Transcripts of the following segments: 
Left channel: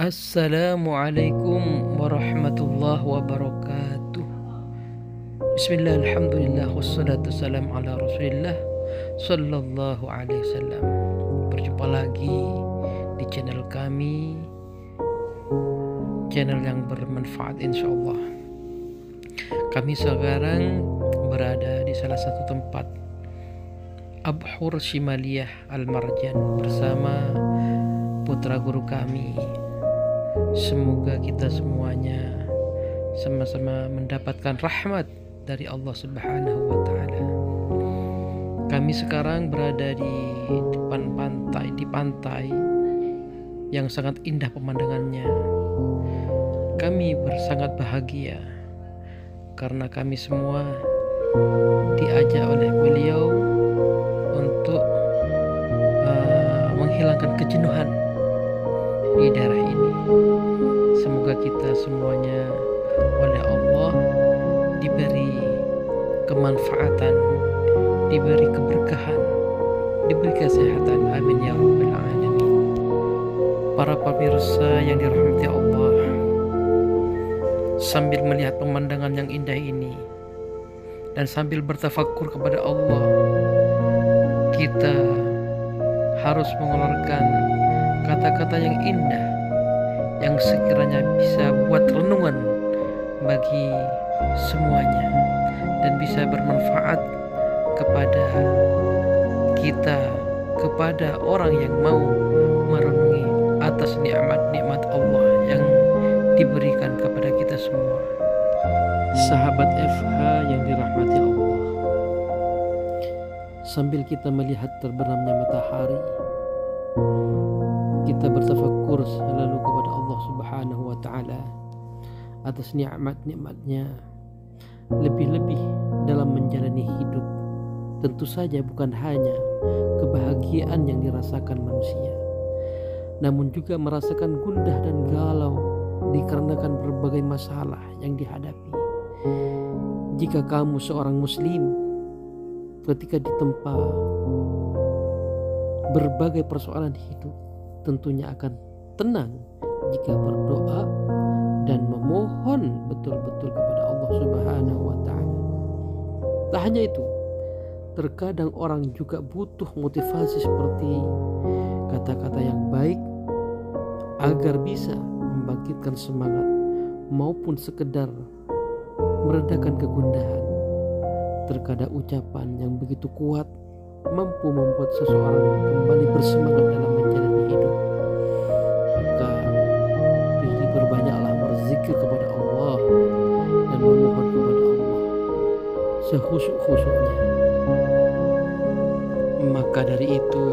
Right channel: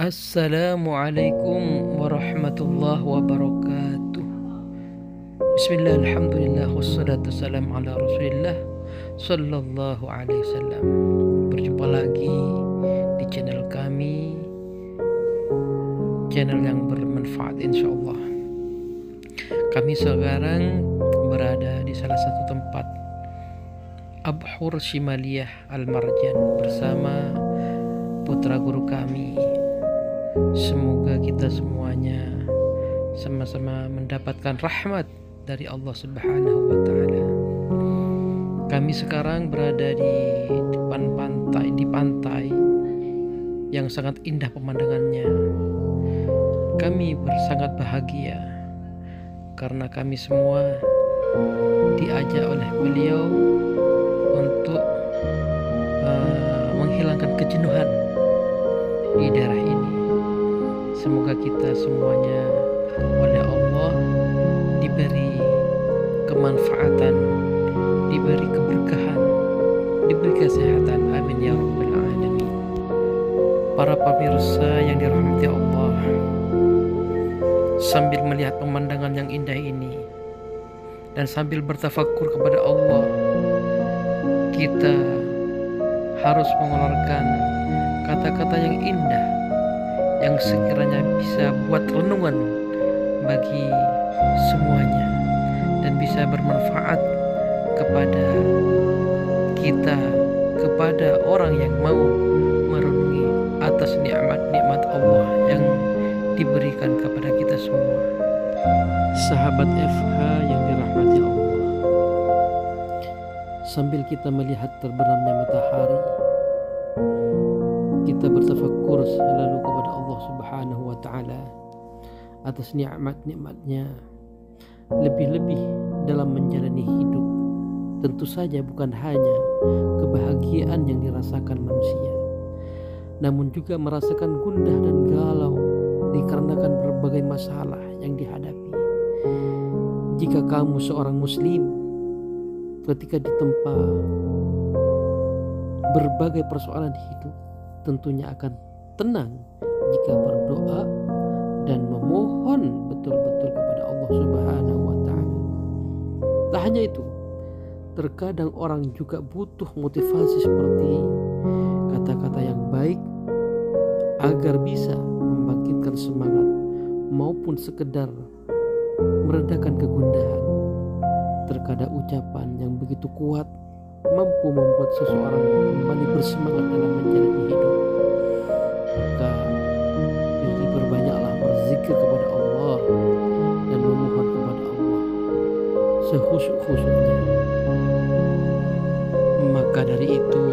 Assalamualaikum warahmatullahi wabarakatuh. Bismillah, alhamdulillah, wassalatu wassalamu ala rasulillah sallallahu alaihi wasallam. Berjumpa lagi di channel kami, channel yang bermanfaat insyaallah. Kami sekarang berada di salah satu tempat Abhur Shimaliyah Al-Marjan bersama putra guru kami. Semoga kita semuanya sama-sama mendapatkan rahmat dari Allah Subhanahu wa Ta'ala. Kami sekarang berada di depan pantai yang sangat indah pemandangannya. Kami sangat bahagia karena kami semua diajak oleh beliau untuk menghilangkan kejenuhan di daerah ini. Semoga kita semuanya oleh Allah diberi kemanfaatan, diberi keberkahan, diberi kesehatan. Amin ya rabbal alamin. Para pemirsa yang dirahmati Allah, sambil melihat pemandangan yang indah ini dan sambil bertafakur kepada Allah, kita harus mengeluarkan kata-kata yang indah yang sekiranya bisa buat renungan bagi semuanya dan bisa bermanfaat kepada kita, kepada orang yang mau merenungi atas nikmat-nikmat Allah yang diberikan kepada kita semua. Sahabat FH yang dirahmati Allah, sambil kita melihat terbenamnya matahari, kita bertafakur selalu kepada Allah Subhanahu wa Ta'ala atas nikmat-nikmatnya, lebih-lebih dalam menjalani hidup. Tentu saja bukan hanya kebahagiaan yang dirasakan manusia, namun juga merasakan gundah dan galau dikarenakan berbagai masalah yang dihadapi. Jika kamu seorang muslim, ketika ditempa berbagai persoalan hidup, tentunya akan tenang jika berdoa dan memohon betul-betul kepada Allah Subhanahu wa Ta'ala. Tak hanya itu, terkadang orang juga butuh motivasi seperti kata-kata yang baik agar bisa membangkitkan semangat maupun sekedar meredakan kegundahan. Terkadang ucapan yang begitu kuat mampu membuat seseorang kembali bersemangat dalam menjalani hidup. Maka berbanyaklah berzikir kepada Allah dan memohon kepada Allah sehusyuk-husyuknya. Maka dari itu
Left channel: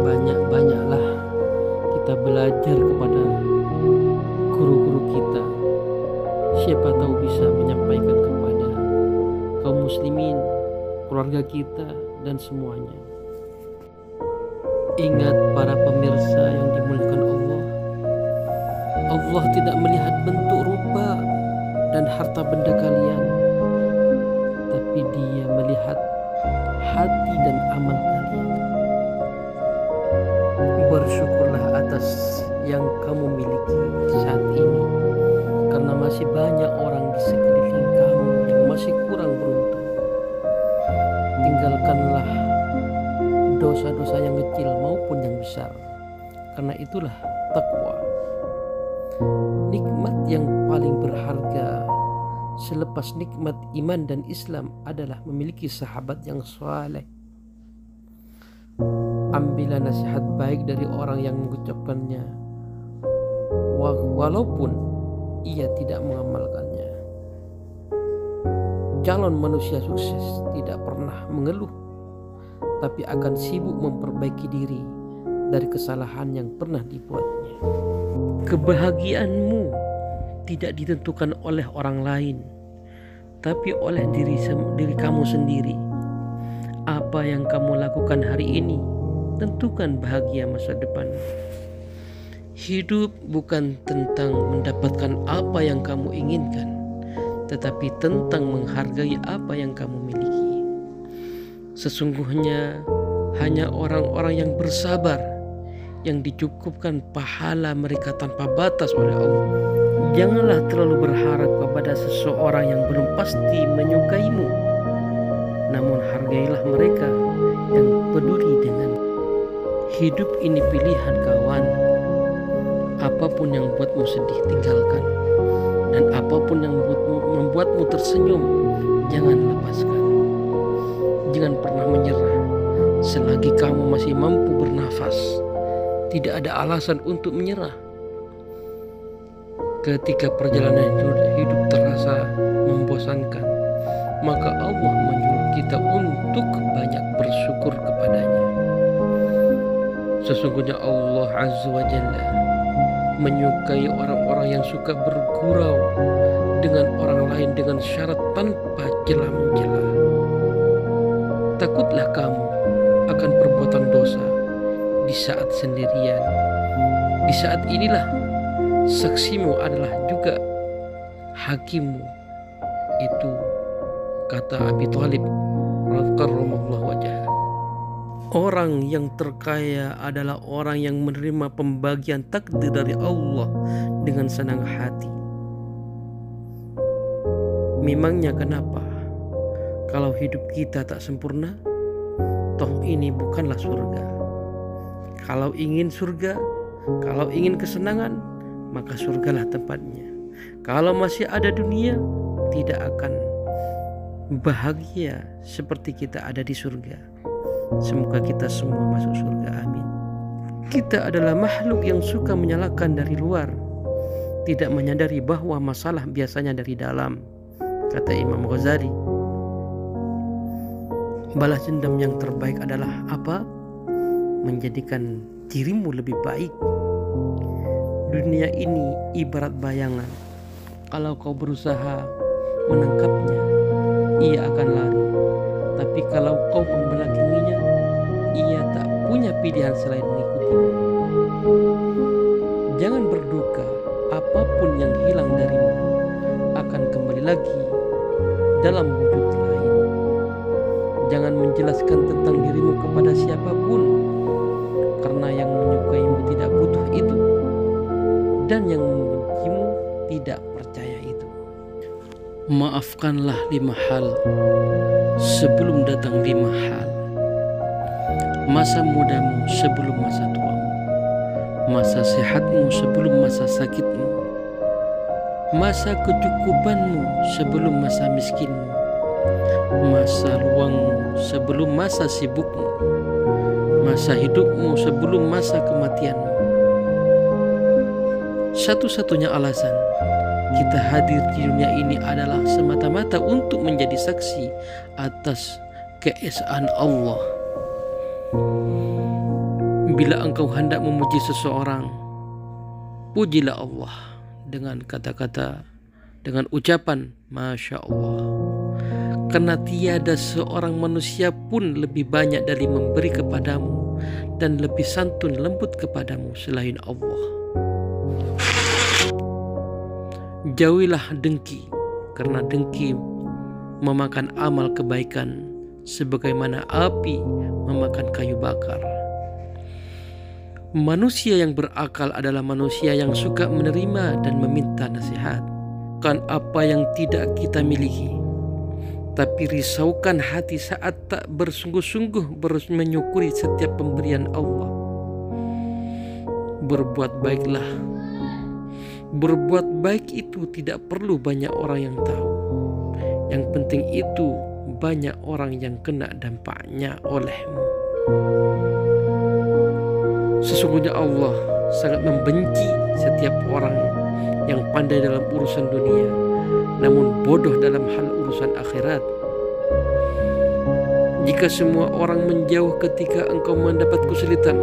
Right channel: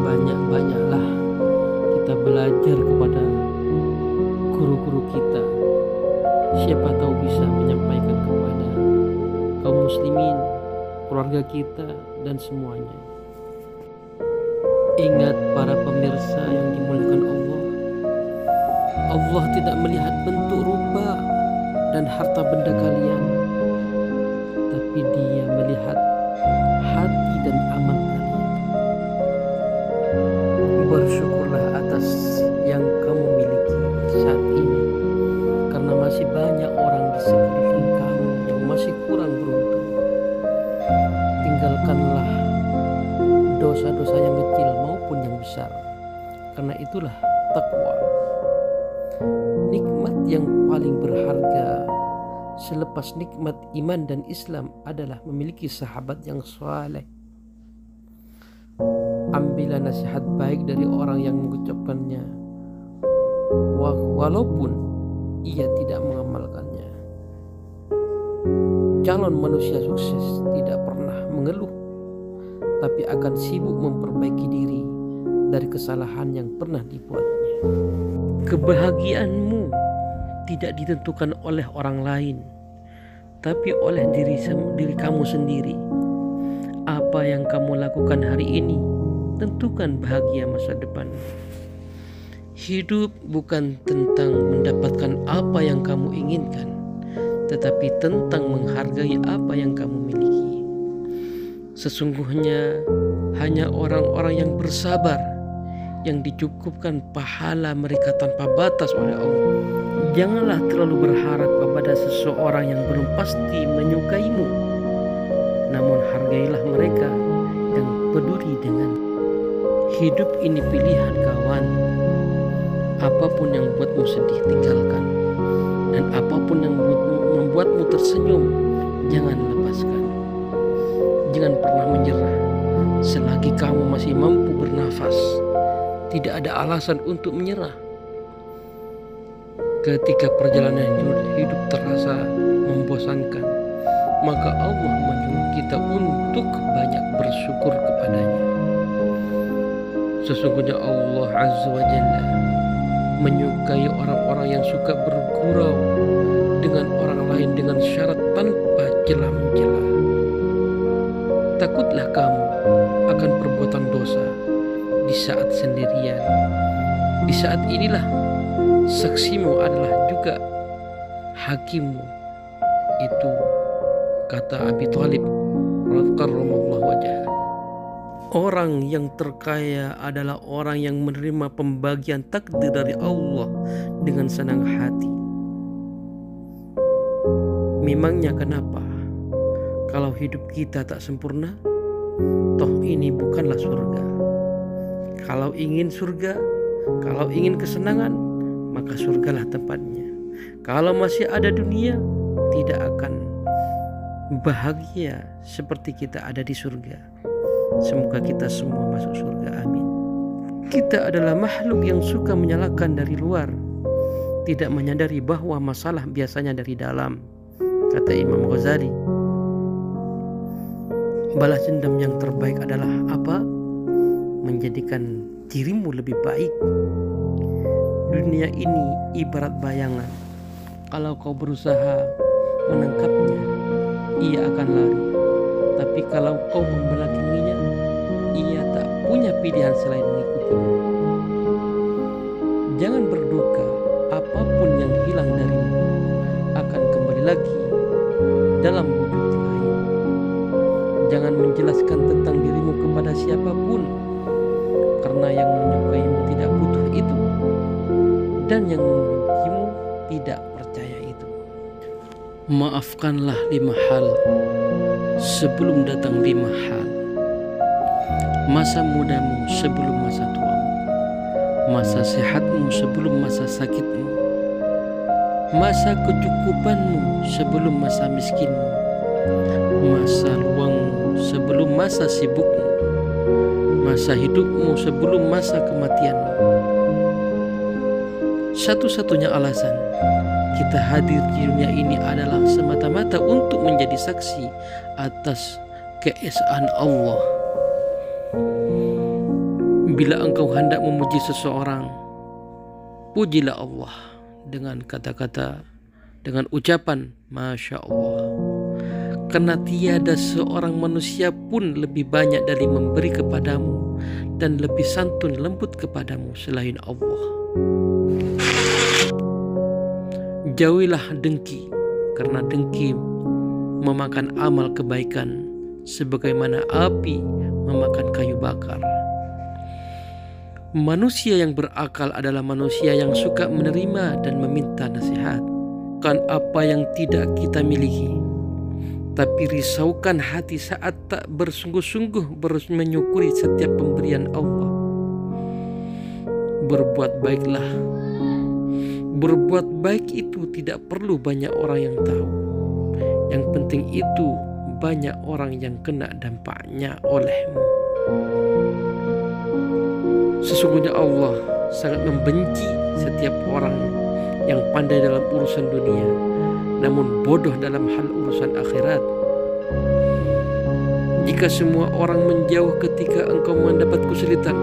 banyak-banyaklah kita belajar kepada guru-guru kita. Siapa tahu bisa menyampaikan kepada kaum muslimin, keluarga kita dan semuanya. Ingat para pemirsa yang dimuliakan Allah, Allah tidak melihat bentuk rupa dan harta benda kalian, tapi Dia melihat hati dan amal kalian. Bersyukurlah atas yang kamu miliki saat ini, karena masih banyak orang di sekeliling kamu yang masih kurang beruntung. Tinggalkanlah dosa-dosa yang kecil maupun yang besar, karena itulah takwa. Nikmat yang paling berharga selepas nikmat iman dan Islam adalah memiliki sahabat yang saleh. Ambillah nasihat baik dari orang yang mengucapkannya, walaupun ia tidak mengamalkannya. Calon manusia sukses tidak pernah mengeluh, tapi akan sibuk memperbaiki diri dari kesalahan yang pernah dibuatnya. Kebahagiaanmu tidak ditentukan oleh orang lain, tapi oleh diri kamu sendiri. Apa yang kamu lakukan hari ini tentukan bahagia masa depan. Hidup bukan tentang mendapatkan apa yang kamu inginkan, tetapi tentang menghargai apa yang kamu miliki. Sesungguhnya hanya orang-orang yang bersabar yang dicukupkan pahala mereka tanpa batas oleh Allah. Janganlah terlalu berharap kepada seseorang yang belum pasti menyukaimu, namun hargailah mereka yang peduli dengan hidup. Ini pilihan kawan. Apapun yang buatmu sedih, tinggalkan. Dan apapun yang membuatmu tersenyum, jangan lepaskan. Jangan pernah menyerah. Selagi kamu masih mampu bernafas, tidak ada alasan untuk menyerah. Ketika perjalanan hidup terasa membosankan, maka Allah menyuruh kita untuk banyak bersyukur kepadanya. Sesungguhnya Allah Azza wa Jalla menyukai orang-orang yang suka bergurau dengan orang lain dengan syarat tanpa celah-mencela. Takutlah kamu akan perbuatan dosa di saat sendirian. Di saat inilah saksimu adalah juga hakimmu. Itu kata Abi Thalib radhiyallahu wajah. Orang yang terkaya adalah orang yang menerima pembagian takdir dari Allah dengan senang hati. Memangnya kenapa? Kalau hidup kita tak sempurna, toh ini bukanlah surga. Kalau ingin surga, kalau ingin kesenangan, maka surgalah tempatnya. Kalau masih ada dunia, tidak akan bahagia seperti kita ada di surga. Semoga kita semua masuk surga, amin. Kita adalah makhluk yang suka menyalahkan dari luar, tidak menyadari bahwa masalah biasanya dari dalam, kata Imam Ghazali. Balas dendam yang terbaik adalah apa? Menjadikan dirimu lebih baik. Dunia ini ibarat bayangan. Kalau kau berusaha menangkapnya, ia akan lari. Tapi kalau kau membelakanginya, ia tak punya pilihan selain mengikutimu. Jangan berduka, apapun yang hilang darimu akan kembali lagi dalam wujud lain. Jangan menjelaskan tentang dirimu kepada siapapun, karena yang menyukaimu tidak butuh itu, dan yang membencimu tidak percaya itu. Maafkanlah 5 hal sebelum datang 5 hal. Masa mudamu sebelum masa tuamu, masa sehatmu sebelum masa sakitmu, masa kecukupanmu sebelum masa miskinmu, masa luangmu sebelum masa sibukmu, masa hidupmu sebelum masa kematianmu. Satu-satunya alasan kita hadir di dunia ini adalah semata-mata untuk menjadi saksi atas keesaan Allah. Bila engkau hendak memuji seseorang, pujilah Allah dengan kata-kata, dengan ucapan Masya Allah. Karena tiada seorang manusia pun lebih banyak dari memberi kepadamu dan lebih santun lembut kepadamu selain Allah. Jauhilah dengki, karena dengki memakan amal kebaikan sebagaimana api memakan kayu bakar. Manusia yang berakal adalah manusia yang suka menerima dan meminta nasihat. Bukan apa yang tidak kita miliki, tapi risaukan hati saat tak bersungguh-sungguh menyukuri setiap pemberian Allah. Berbuat baiklah. Berbuat baik itu tidak perlu banyak orang yang tahu. Yang penting itu banyak orang yang kena dampaknya olehmu. Sesungguhnya Allah sangat membenci setiap orang yang pandai dalam urusan dunia, namun bodoh dalam hal urusan akhirat. Jika semua orang menjauh ketika engkau mendapat kesulitan,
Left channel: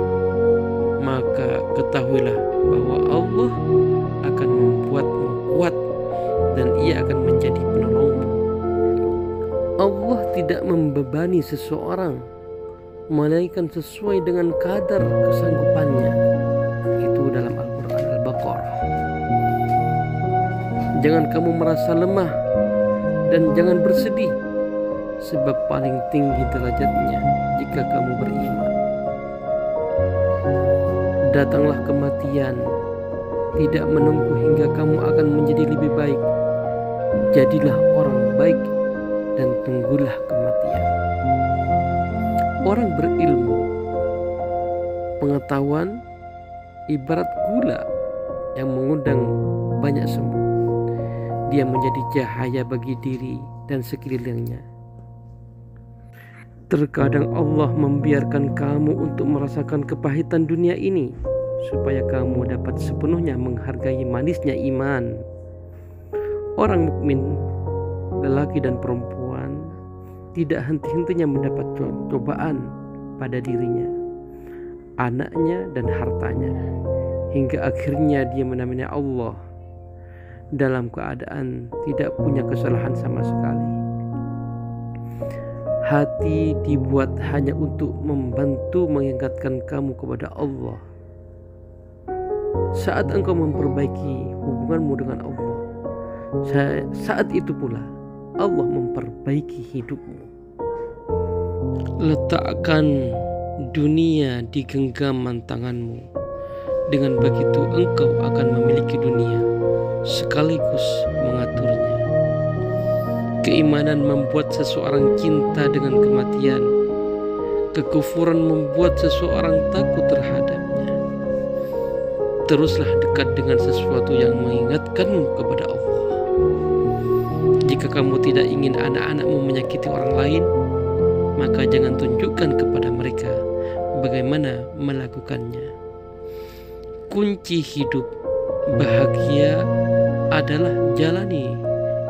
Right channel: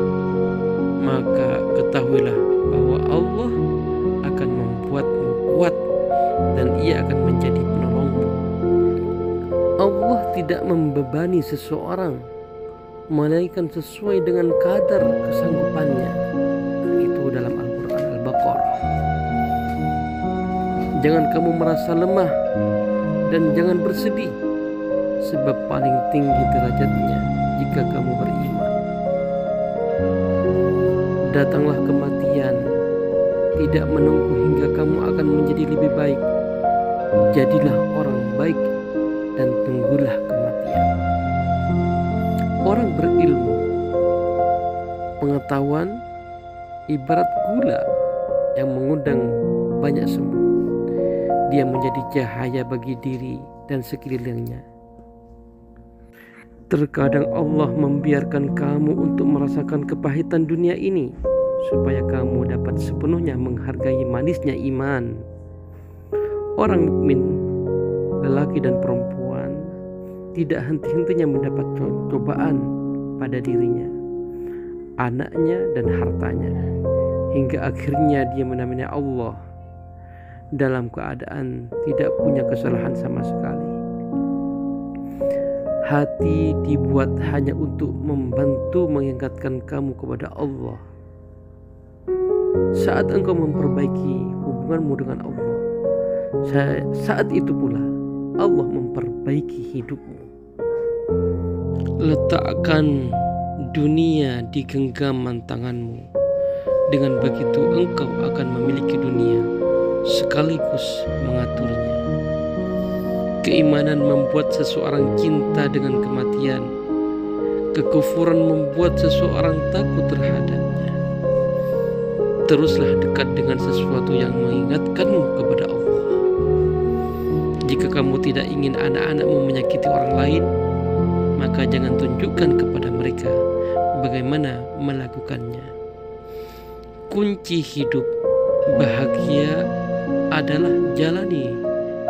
maka ketahuilah bahwa Allah akan membuatmu kuat dan ia akan menjadi penolongmu. Allah tidak membebani seseorang, melainkan sesuai dengan kadar kesanggupannya. Itu dalam Al-Quran Al-Baqarah. Jangan kamu merasa lemah dan jangan bersedih, sebab paling tinggi derajatnya jika kamu beriman. datanglah kematian, tidak menunggu hingga kamu akan menjadi lebih baik. Jadilah orang baik dan tunggulah kematian. Orang berilmu, pengetahuan ibarat gula yang mengundang banyak semut. Dia menjadi cahaya bagi diri dan sekelilingnya. Terkadang Allah membiarkan kamu untuk merasakan kepahitan dunia ini supaya kamu dapat sepenuhnya menghargai manisnya iman. Orang mukmin, lelaki dan perempuan, tidak henti-hentinya mendapat cobaan pada dirinya, anaknya dan hartanya, hingga akhirnya dia menamainya Allah dalam keadaan tidak punya kesalahan sama sekali. Hati dibuat hanya untuk membantu mengingatkan kamu kepada Allah. Saat engkau memperbaiki hubunganmu dengan Allah, saat itu pula Allah memperbaiki hidupmu. Letakkan dunia di genggaman tanganmu. Dengan begitu engkau akan memiliki dunia sekaligus mengaturnya. Keimanan membuat seseorang cinta dengan kematian. Kekufuran membuat seseorang takut terhadapnya. Teruslah dekat dengan sesuatu yang mengingatkanmu kepada Allah. Jika kamu tidak ingin anak-anakmu menyakiti orang lain, maka jangan tunjukkan kepada mereka bagaimana melakukannya. Kunci hidup bahagia adalah jalani,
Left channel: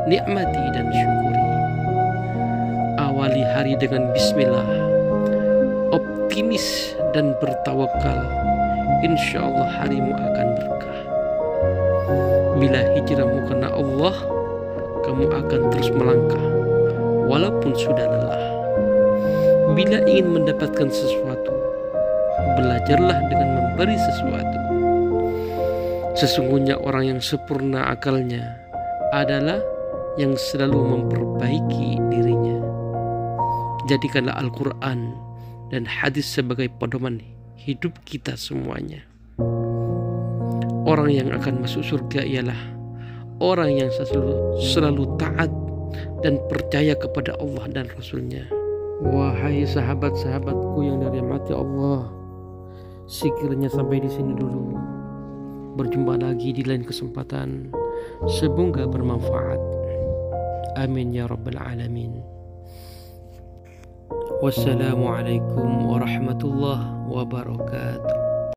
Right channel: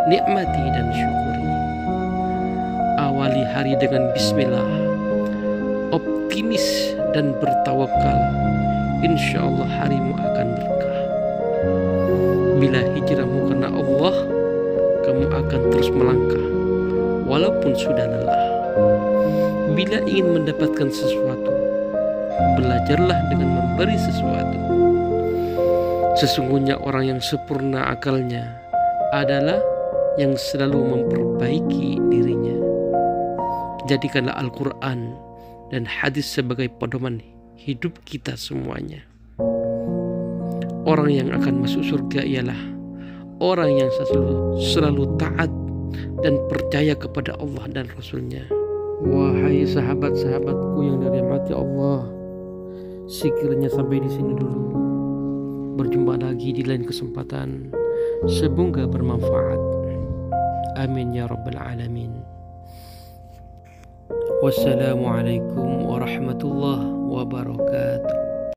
nikmati dan syukuri. Awali hari dengan bismillah, optimis dan bertawakal. Insya Allah harimu akan berkah. Bila hijrahmu karena Allah, kamu akan terus melangkah walaupun sudah lelah. Bila ingin mendapatkan sesuatu, belajarlah dengan memberi sesuatu. Sesungguhnya orang yang sempurna akalnya adalah yang selalu memperbaiki dirinya. Jadikanlah Al-Quran dan hadis sebagai pedoman hidup kita semuanya. Orang yang akan masuk surga ialah orang yang selalu taat dan percaya kepada Allah dan Rasul-Nya. Wahai sahabat-sahabatku yang dirahmati Allah, sekiranya sampai di sini dulu. Berjumpa lagi di lain kesempatan. Semoga bermanfaat. Amin ya rabbal alamin. Wassalamualaikum warahmatullahi wabarakatuh.